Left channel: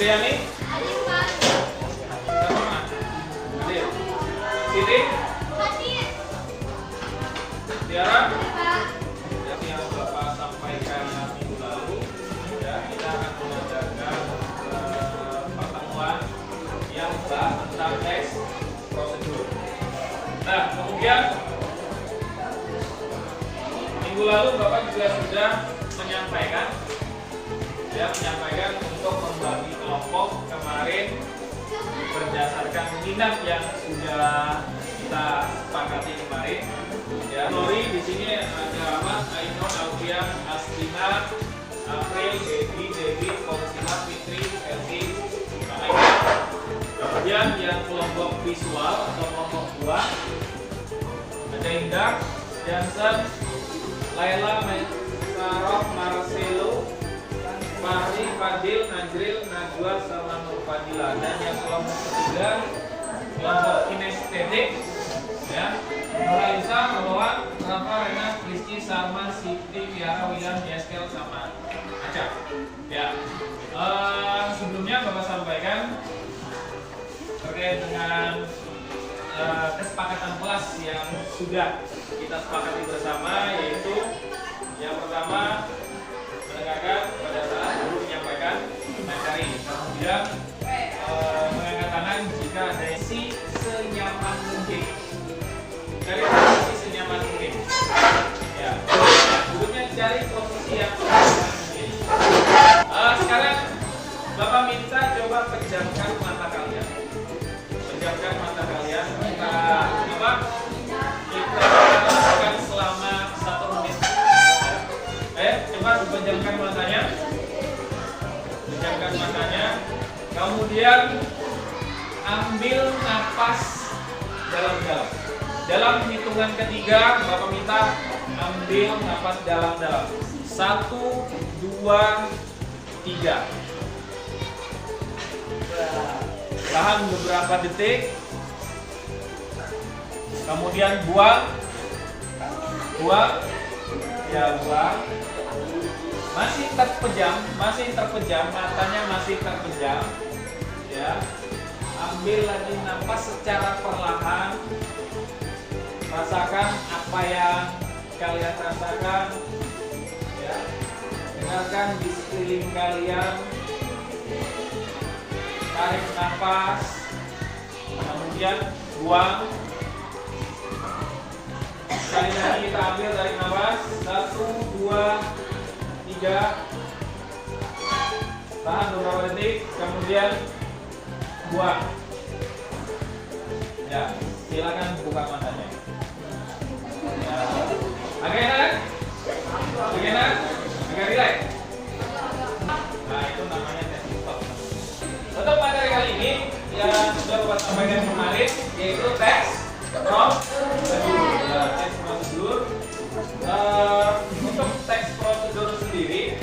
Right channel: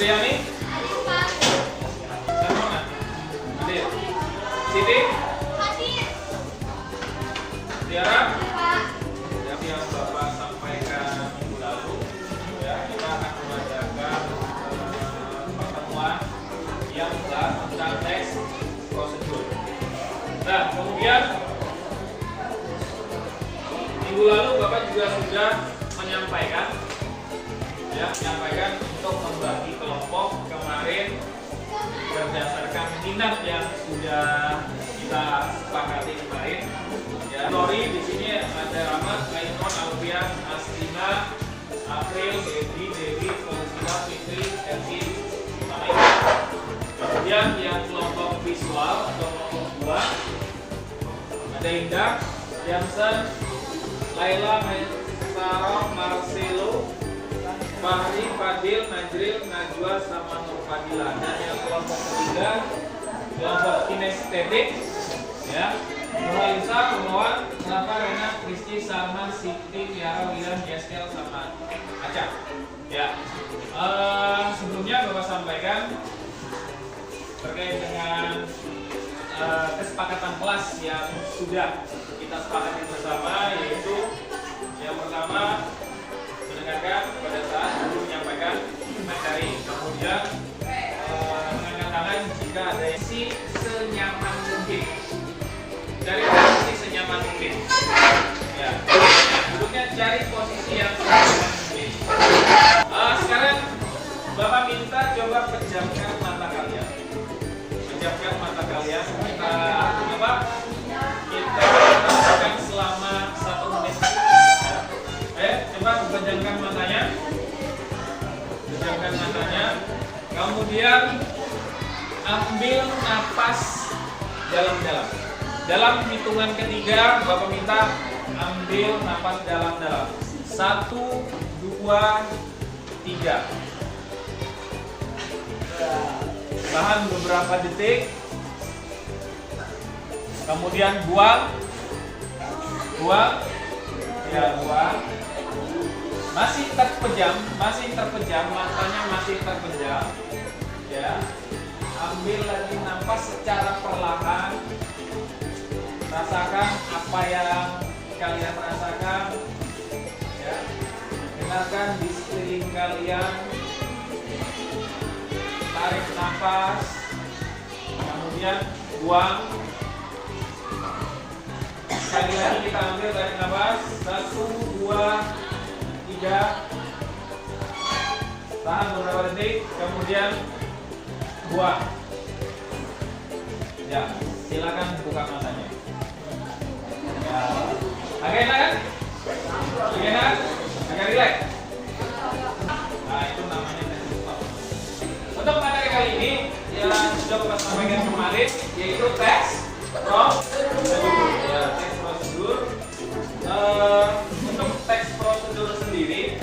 Fitriani? Mana? Hadir. Siti? Tiara? Jadi yang Bapak sampaikan minggu lalu, ya kita akan mengadakan pertemuan yang membahas tentang teks prosedur. Nah, kemudian minggu lalu Bapak juga sudah menyampaikan untuk membagi kelompok kemarin berdasarkan minat yang sudah kita sepakati kemarin. Ya, Nori di sini ada Ahmad, Ainun, Alfian, Astina, April, Devi, Fauzina, Fitri, Elvi, Amaika. Kemudian yang kelompok visual atau kelompok 2 ada Indah, Jansen, Laila, Sarah, Marcelo, Fahri, Fadil, Najril, Najwa, sama Nur Fadila. Dan yang kelompok ketiga kelompok kinestetik, ya, Nurisa, Kumawan, Rafa, Rena, Rizky, Salman, Siti, Tiara, William, Yeskel, sama Acap. Ya, sebelumnya Bapak sampaikan terkait dengan kesepakatan kelas yang sudah kita sepakati bersama, yaitu yang pertama mendengarkan pada saat guru menyampaikan materi, kemudian mengangkat tangan jika ada isi senyaman mungkin, cari posisi senyaman mungkin, ya, duduknya cari posisi yang senyaman mungkin. Sekarang Bapak minta coba pejamkan mata kalian, pejamkan mata kalian. Kita akan selama 1 menit. Coba pejamkan matanya, pejamkan matanya. Kemudian ambil napas dalam-dalam. Dalam hitungan ketiga, Bapak minta ambil napas dalam-dalam. 1, 2, 3. Tahan beberapa detik. Kemudian buang. Ya, buang. Masih terpejam, matanya masih terpejam. Ya. Ambil lagi napas secara perlahan. Rasakan apa yang kalian rasakan. Ya. Dengarkan di sekeliling kalian. Tarik napas. Kemudian buang. Sekali lagi kita ambil, tarik nafas. 1, 2, 3. Tahan beberapa detik, kemudian buang. Ya, silakan buka matanya. Ya. Agak enak kan? Agak enak? Agak rileks? Nah, itu namanya tes stop. Untuk materi kali ini yang sudah Bapak sampaikan kemarin, yaitu tes prosedur. Untuk teks prosedur sendiri,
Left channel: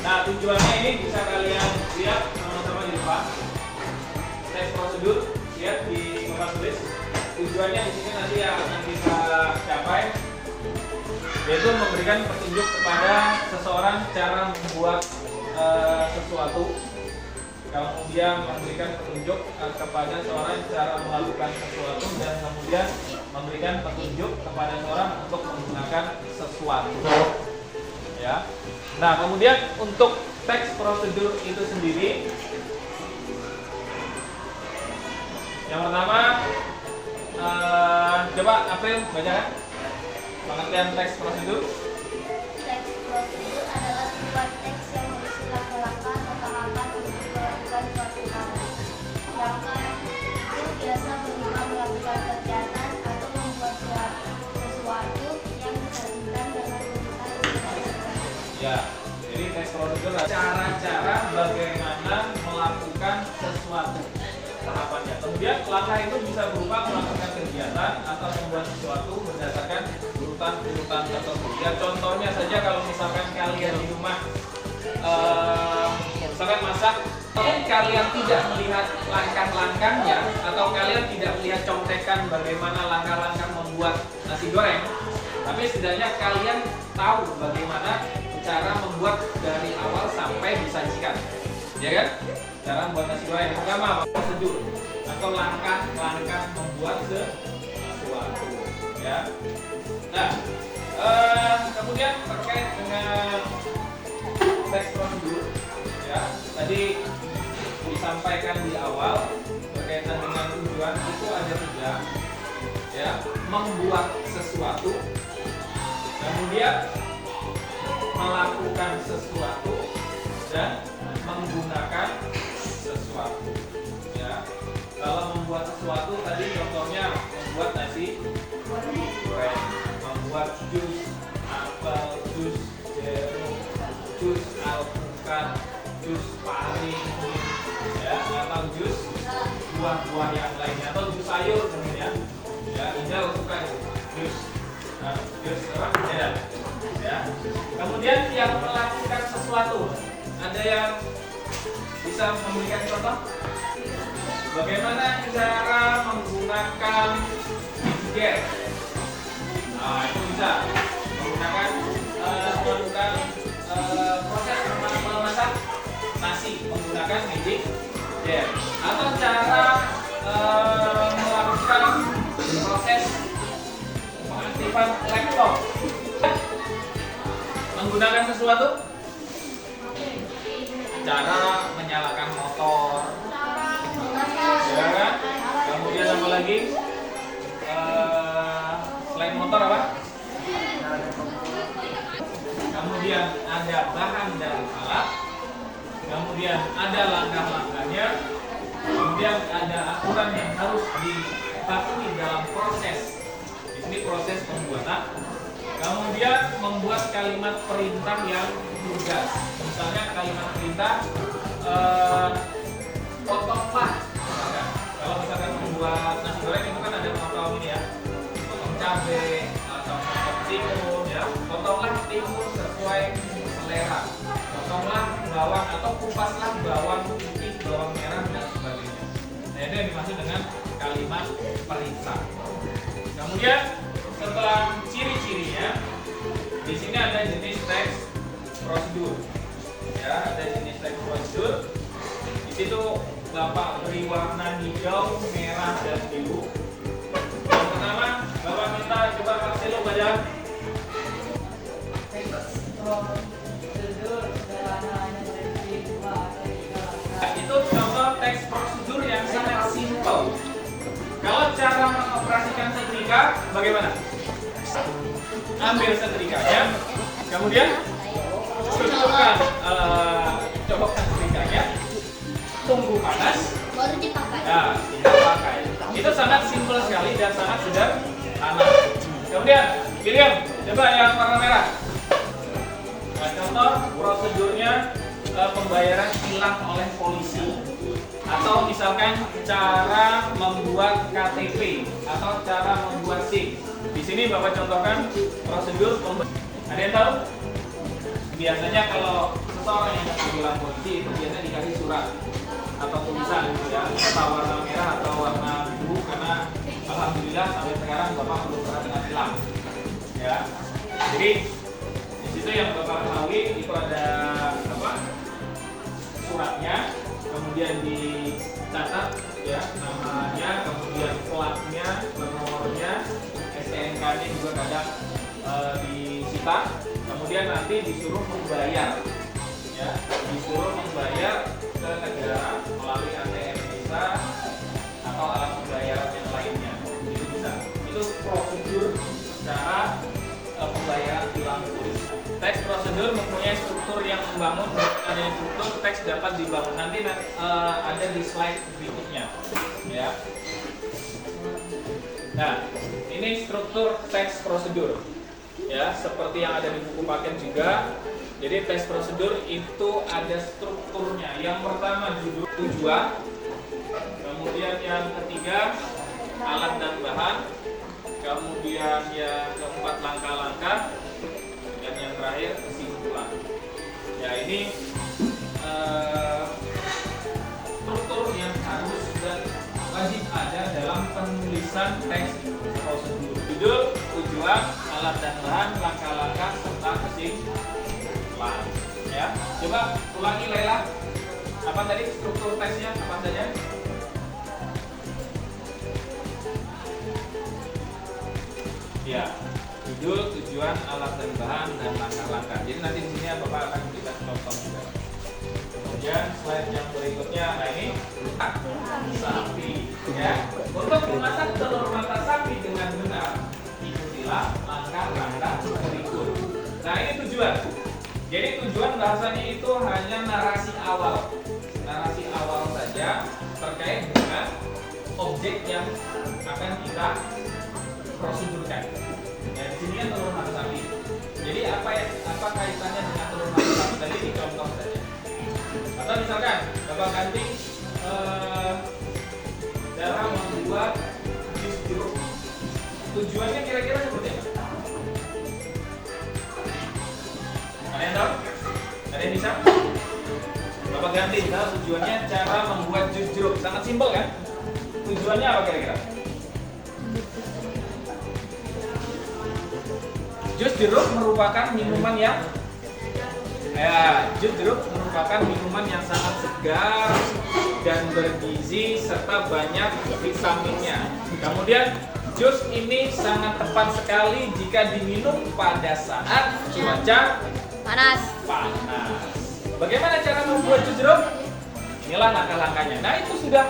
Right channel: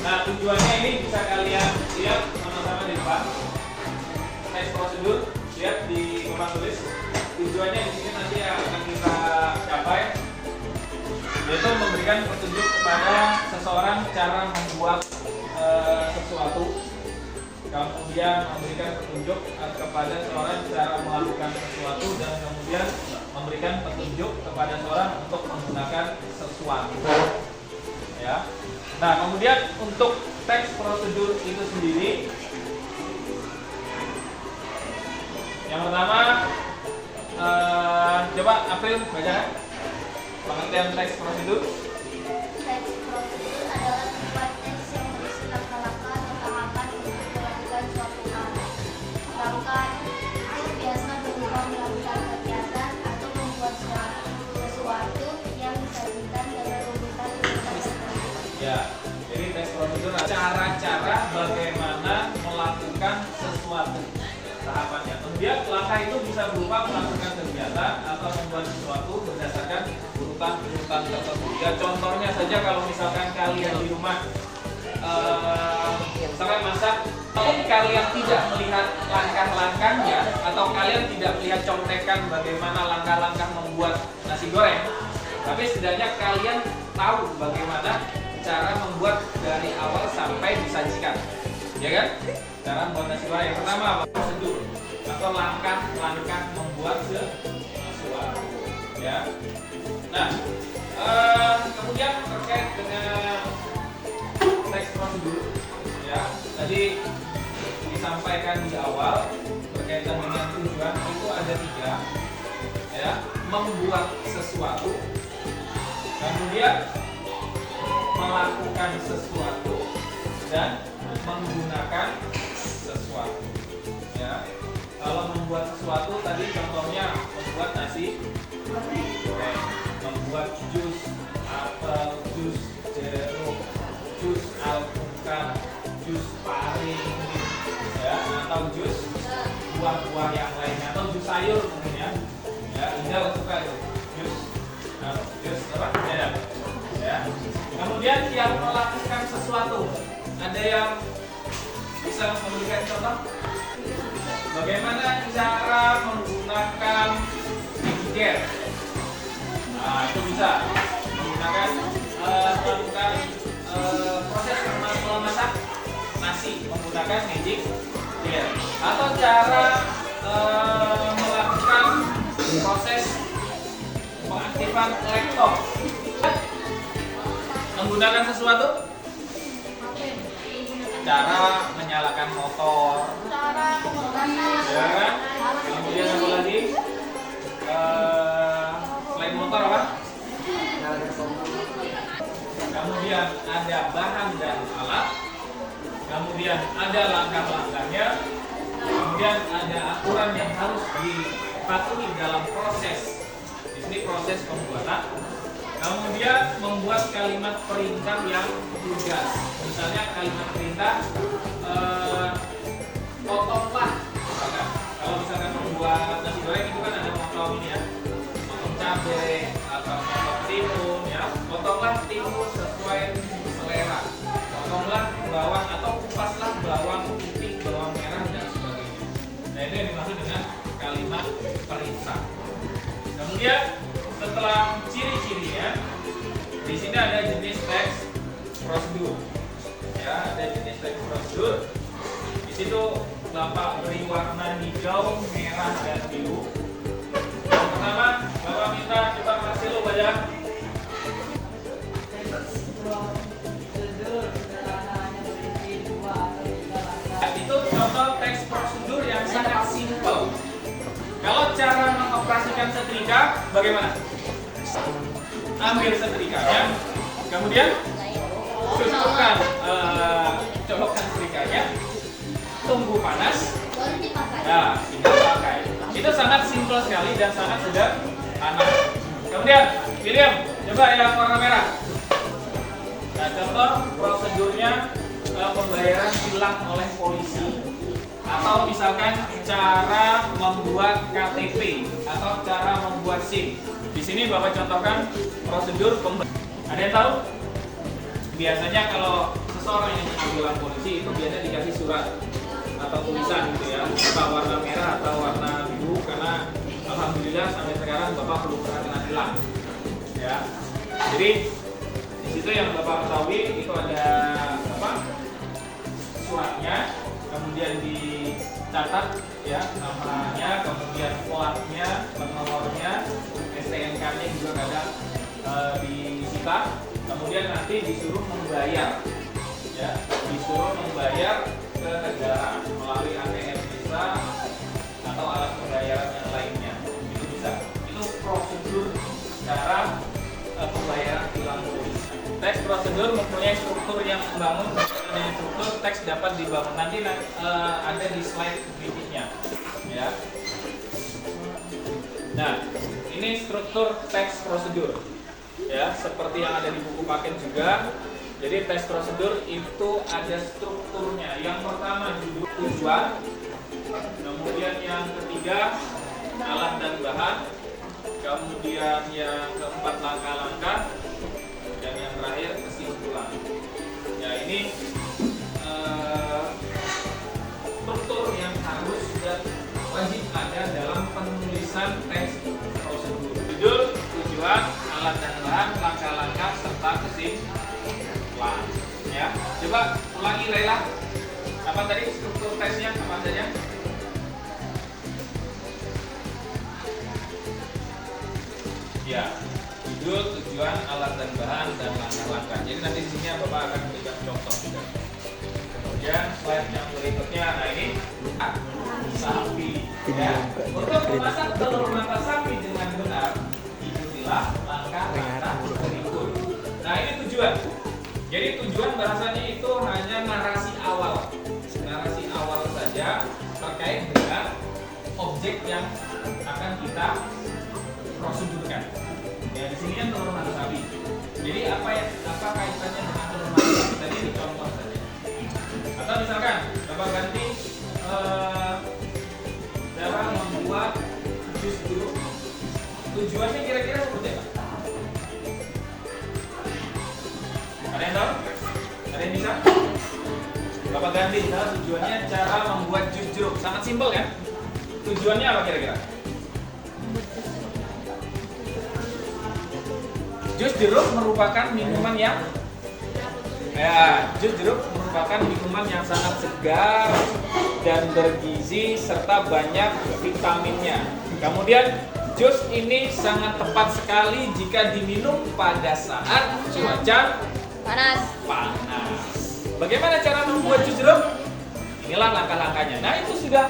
nah tujuannya ini bisa kalian lihat sama-sama di depan. Teks prosedur, lihat di papan tulis. Tujuannya di sini nanti akan kita capai, yaitu memberikan petunjuk kepada seseorang cara membuat sesuatu. Kemudian memberikan petunjuk kepada seorang cara melakukan sesuatu, dan kemudian memberikan petunjuk kepada seorang untuk menggunakan sesuatu. Ya. Nah, kemudian untuk teks prosedur itu sendiri, yang pertama, coba April bacakan pengertian teks prosedur. Ya, jadi teks prosedur cara-cara bagaimana melakukan sesuatu, tahapannya. Kemudian langkah itu bisa berupa melakukan kegiatan atau membuat sesuatu berdasarkan urutan tertentu. Ya, contohnya saja kalau misalkan kalian di rumah misalkan masak, walaupun kalian tidak melihat langkah-langkahnya atau kalian tidak melihat contekan bagaimana langkah-langkah membuat nasi goreng, tapi setidaknya kalian tahu bagaimana cara membuat dari awal sampai disajikan, ya kan? Cara membuat nasi goreng yang pertama prosedur atau langkah-langkah membuat sesuatu, ya. Nah, kemudian terkait dengan teks prosedur, ya, tadi disampaikan di awal berkaitan dengan tujuan itu ada 3, ya, membuat sesuatu, kemudian melakukan sesuatu, dan menggunakan sesuatu, ya. Kalau membuat sesuatu tadi contohnya membuat nasi goreng, membuat jus apel, jus jeruk, jus alpukat, jus pari, ya, atau jus buah-buah yang lainnya, atau jus sayur mungkin, ya, Indah suka itu jus, jus apa? Ya. Kemudian yang melakukan sesuatu, ada yang bisa memberikan contoh? Bagaimana cara menggunakan pijer? Nah, itu bisa menggunakan melakukan proses memasak nasi menggunakan magic jar, atau cara melakukan proses pengaktifan laptop menggunakan sesuatu, cara menyalakan motor, ya kan? Kemudian apa lagi? Selain motor apa? Kemudian ada bahan dan alat, kemudian ada langkah-langkahnya, kemudian ada aturan yang harus dipatuhi dalam proses. Ini proses pembuatan. Kemudian membuat kalimat perintah yang lugas. Misalnya kalimat perintah, potonglah. Kalau misalkan membuat nasi goreng itu kan ada potong ini ya, potong cabai atau potong timun, ya. Potonglah timun sesuai selera. Potonglah bawang atau kupaslah bawang putih, bawang merah dan sebagainya. Nah, itu yang dimaksud dengan kalimat perintah. Kemudian setelah ciri-cirinya, di sini ada jenis teks prosedur, ya, ada jenis teks prosedur. Di situ Bapak beri warna hijau, merah, dan biru. Yang pertama, Bapak minta coba Marcelo baca. Itu contoh teks prosedur yang sangat simpel. Kalau cara mengoperasikan setrika bagaimana? Ambil setrikanya, kemudian cocokkan, colokkan setrikanya, tunggu panas, ya, tinggal pakai. Itu sangat simpel sekali dan sangat sederhana. Kemudian, William, coba yang warna merah. Nah, contoh prosedurnya pembayaran tilang oleh polisi, atau misalkan cara membuat KTP atau cara membuat SIM. Di sini Bapak contohkan prosedur pembayaran. Ada yang tahu? Biasanya kalau seseorang yang bilang polisi itu biasanya dikasih surat atau tulisan gitu ya, entah warna merah atau warna biru, karena alhamdulillah sampai sekarang Bapak belum pernah kena tilang, ya. Jadi di situ yang Bapak ketahui itu ada apa? Suratnya, kemudian dicatat ya namanya, kemudian platnya, nomornya, STNK-nya juga kadang disita, kemudian nanti disuruh membayar, ya, disuruh membayar ke negara melalui ATM bisa atau alat pembayaran yang lainnya. Itu bisa. Itu prosedur cara pembayaran tilang polis. Teks prosedur mempunyai struktur yang membangun, dan struktur teks dapat dibangun. Nanti ada di slide berikutnya, ya. Nah, ini struktur teks prosedur, ya, seperti yang ada di buku paket juga. Jadi teks prosedur itu ada strukturnya. Yang pertama judul, tujuan, kemudian yang ketiga alat dan bahan, kemudian yang keempat langkah-langkah, dan yang terakhir kesimpulan. Ya, ini struktur yang harus dan wajib ada dalam penulisan teks prosedur. Judul, tujuan, alat dan bahan, langkah-langkah, serta kesimpulan. coba ulangi Laila. Apa tadi struktur tesnya apa saja? Ya, judul, tujuan, alat dan bahan, dan langkah-langkah. Jadi nanti di sini Bapak akan memberikan contoh juga. Kemudian slide yang berikutnya, nah ini sapi. Ya. Untuk memasak telur mata sapi dengan benar, ikutilah langkah-langkah berikut. Nah ini tujuan. Jadi tujuan bahasanya itu hanya narasi awal saja terkait dengan objek yang akan kita prosedurkan. Ya di sini kan telur mata sapi. Jadi apa kaitannya dengan telur mata sapi tadi ini contoh saja. Atau misalkan Bapak ganti dalam membuat jus jeruk. Tujuannya kira-kira seperti apa? Ada yang tahu? Ada yang bisa? Bapak ganti misalnya tujuannya cara membuat jus jeruk. Sangat simpel kan? Tujuannya apa kira-kira? Jus jeruk merupakan minuman yang jus jeruk merupakan minuman yang sangat segar dan bergizi serta banyak vitaminnya. Kemudian jus ini sangat tepat sekali jika diminum pada saat cuaca panas. Bagaimana cara membuat jus jeruk? Inilah langkah-langkahnya. Nah itu sudah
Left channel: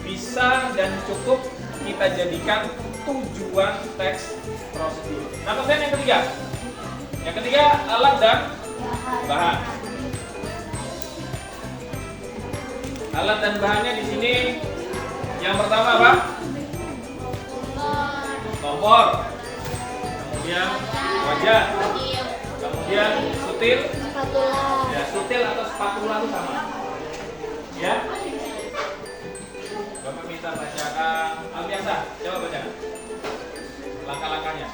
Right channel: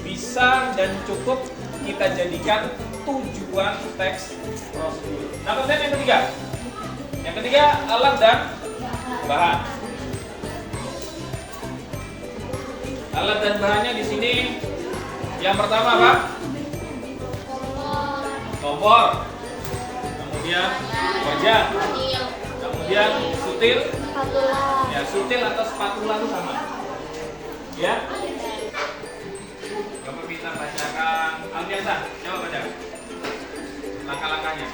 bisa dan cukup kita jadikan tujuan teks prosedur. Nah kemudian yang ketiga. Yang ketiga alat dan bahan. Alat dan bahannya di sini yang pertama apa? Kompor. Kemudian wajah. Kemudian sutil. Ya, sutil atau spatula itu sama. Ya. Bapak minta bacakan Alfiansa, coba baca. Langkah-langkahnya.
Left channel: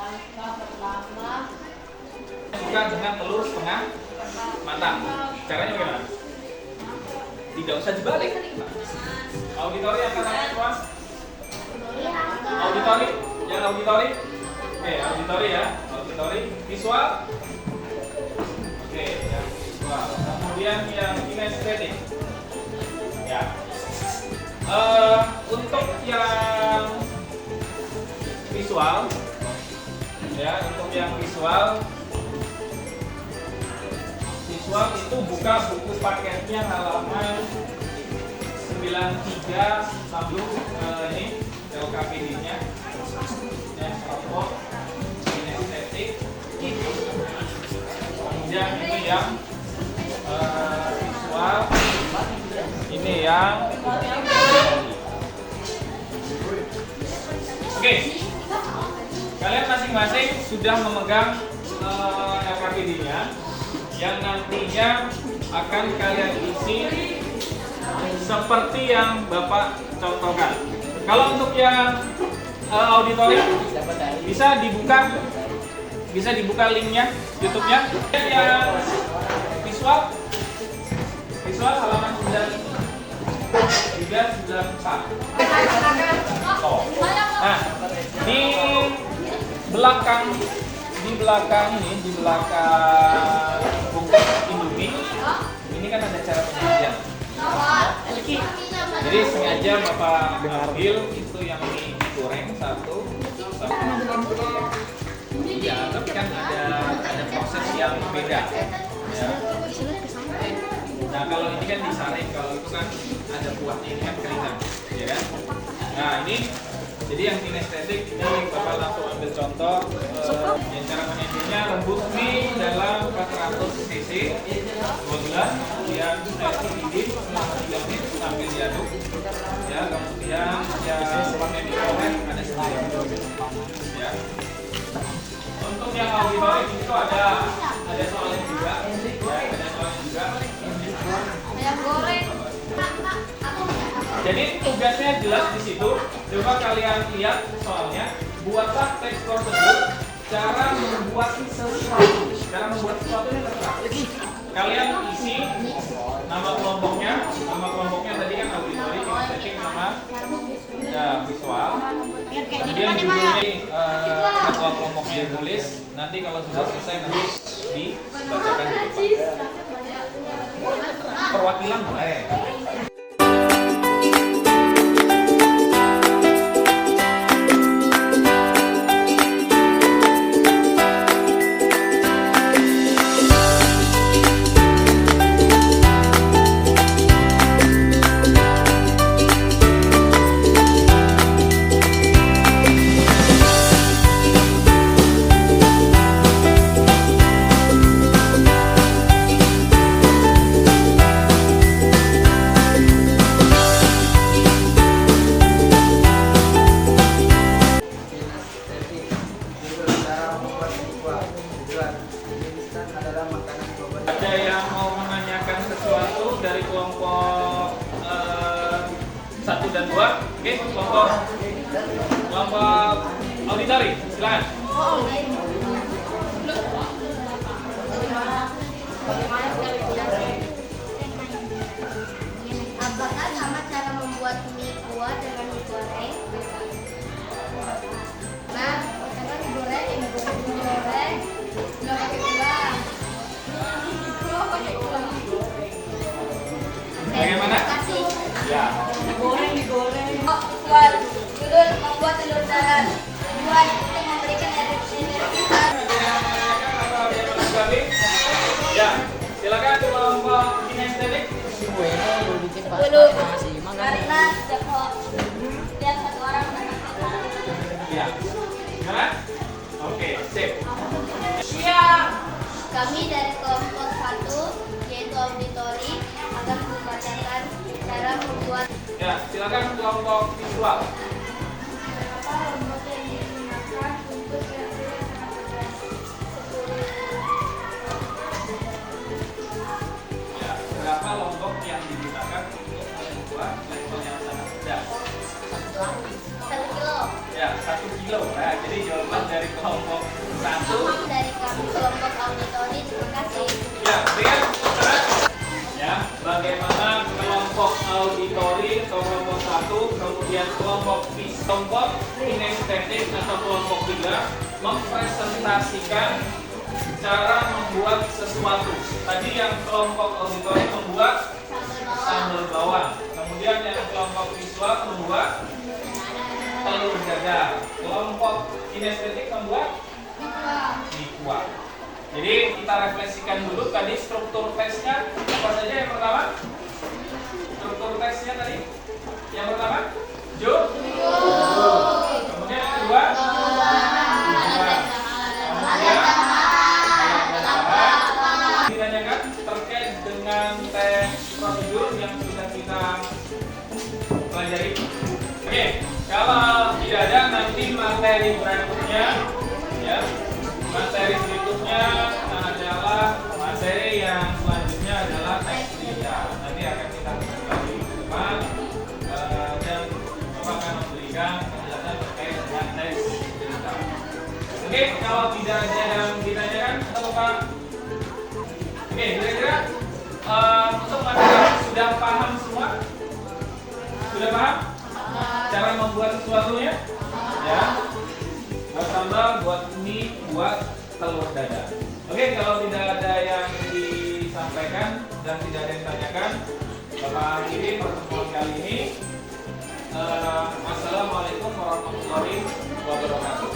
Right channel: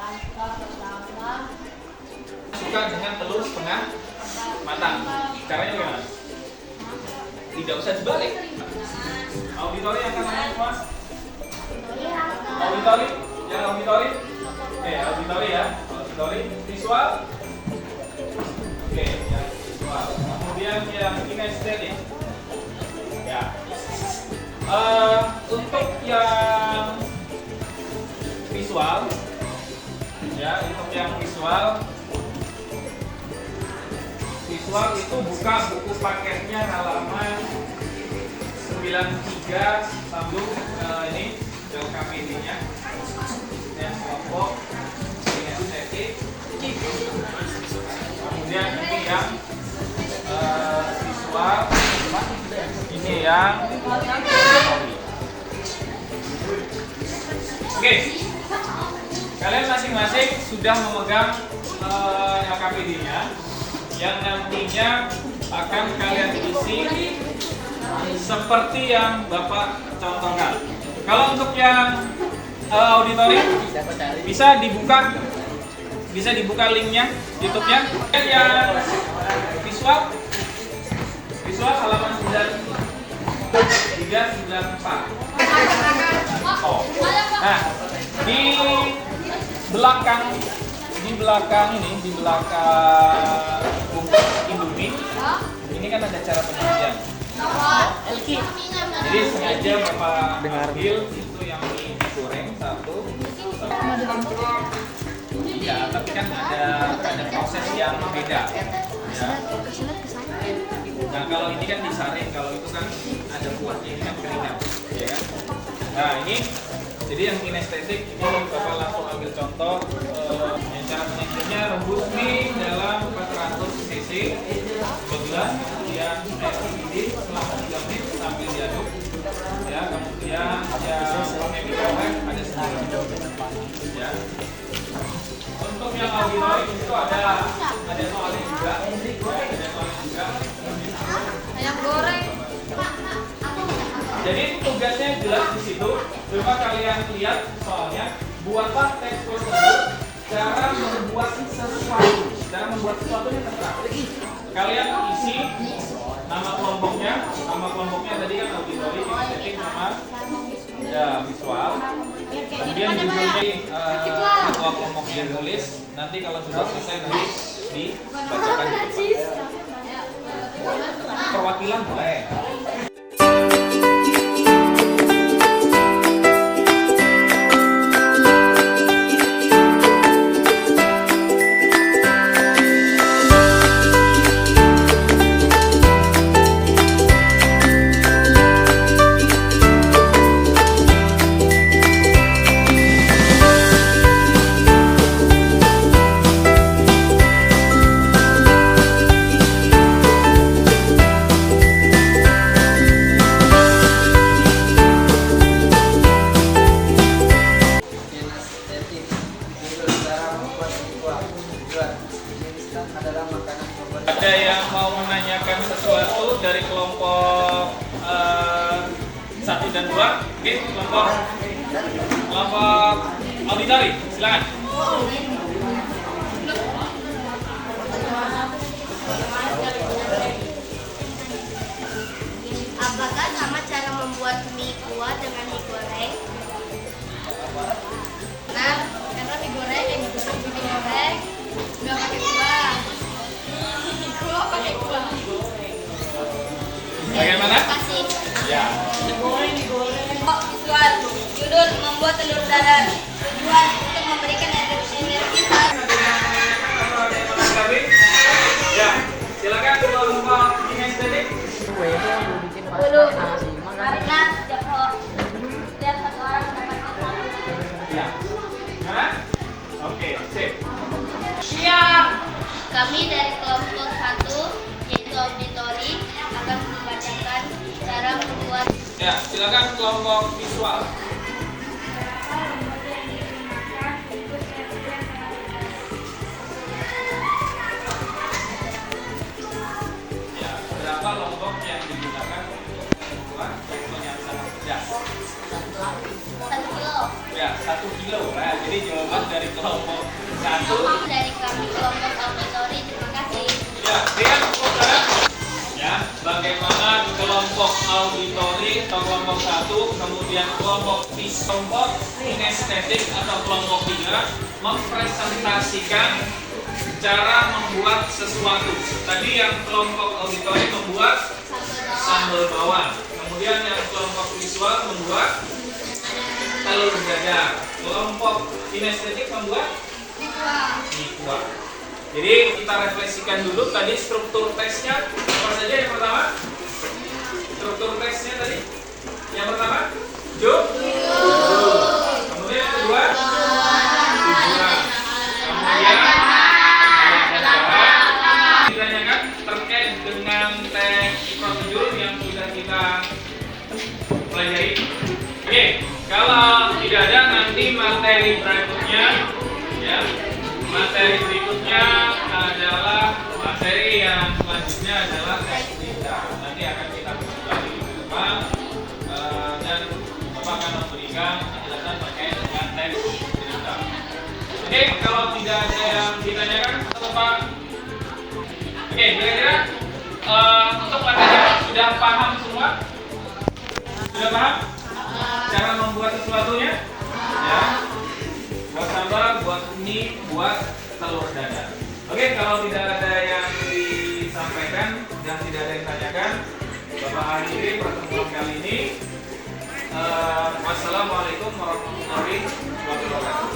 Langkah pertama Suka dengan telur setengah matang. Caranya gimana? Tidak usah dibalik. Auditori yang kata mas? Auditori? Yang auditori? Oke, auditori ya. Auditori. Visual? Oke, yang visual. Kemudian yang kinestetik. Ya. Untuk yang visual, ya, untuk yang visual itu buka buku paketnya halaman 93 sambung ini LKPD-nya dan kelompok kinestetik. Kemudian ini yang visual, ini yang oke. Kalian masing-masing sudah memegang LKPD-nya yang nantinya akan kalian isi seperti yang Bapak contohkan. Kalau untuk yang auditori bisa dibuka linknya YouTube-nya. Yang visual halaman 9394. Oh. Nah, di belakang bungkus Indomie ini kan ada cara penyajian. Jadi sengaja Bapak ambil itu yang mie digoreng satu. Iya, tapi kan ada proses yang beda. Ya. Nah kalau ini kan disaring, kalau itu kan ada kuahnya, ini kan keringan, ya kan? Nah ini jadi yang kinestetik ini Bapak langsung ambil contoh. Yang cara penyajiannya rebus mie dalam 400 cc 2 gelas, kemudian air mendidih selama 3 menit sambil diaduk. Ya, kemudian yang pakai microwave ada 9. Ya. Untuk yang auditori itu ada soalnya juga. yang goreng. Jadi tugasnya jelas di situ. Coba kalian lihat soalnya, buatlah teks prosedur cara membuat sesuatu. Cara membuat sesuatunya terserah. Kalian isi nama kelompoknya tadi kan auditori, kinestetik, sama ya visual. Kemudian judulnya ketua kelompoknya yang tulis. Nanti kalau sudah selesai nanti dibacakan di depan. Perwakilan boleh. Adalah makanan korban. Ada yang mau menanyakan sesuatu dari kelompok 1 dan 2? Oke, kelompok auditori, silakan. Apakah sama cara membuat mie kuah dengan mie goreng? Nah, karena mie goreng nggak pakai kuah. Kuah pakai kuah. Bagaimana? Kasih. Ya. Visual. Judul membuat telur dadar. Tujuan untuk memberikan energi kita. Ada yang menanyakan atau ada yang menanggapi? Ya, silakan kelompok kinestetik. Dulu karena kok lihat satu orang mendapatkan Ya. Gimana? Oke, sip. Kami dari kelompok 1 yaitu auditori akan membacakan cara membuat Ya, silakan kelompok visual. Ya, berapa lombok yang digunakan untuk membuat jengkol yang sangat pedas? 1 kilo. Ya, 1 kilo. Nah, jadi jawaban dari kelompok 1. Dari kami kelompok auditori, terima kasih. Ya, lihat ya, bagaimana kelompok auditori atau kelompok 1, kemudian kelompok kinestetik atau kelompok 3 mempresentasikan cara membuat sesuatu. Tadi yang kelompok auditori membuat sambal bawang, kemudian yang kelompok visual membuat telur dadar, kelompok kinestetik membuat mie kuah. Jadi kita refleksikan dulu tadi struktur tesnya apa saja yang pertama? Struktur tesnya tadi yang pertama kemudian yang kedua tujuan, kemudian ditanyakan terkait dengan tes prosedur yang sudah kita pelajari. Oke, kalau tidak ada nanti materi berikutnya ya. Materi berikutnya adalah materi yang selanjutnya adalah tes cerita. Nanti akan kita kembali ke depan dan Bapak akan memberikan penjelasan terkait dengan tes cerita. Oke, kalau tidak ada yang ditanyakan, Bapak. Oke, kira-kira untuk materi sudah paham semua? Sudah paham? Cara membuat sesuatunya? Ya. Buat sambal, buat mie, buat telur dadar. Oke, kalau tidak ada yang disampaikan dan tidak ada yang ditanyakan, Bapak akhiri pertemuan kali ini. Wassalamualaikum warahmatullahi wabarakatuh.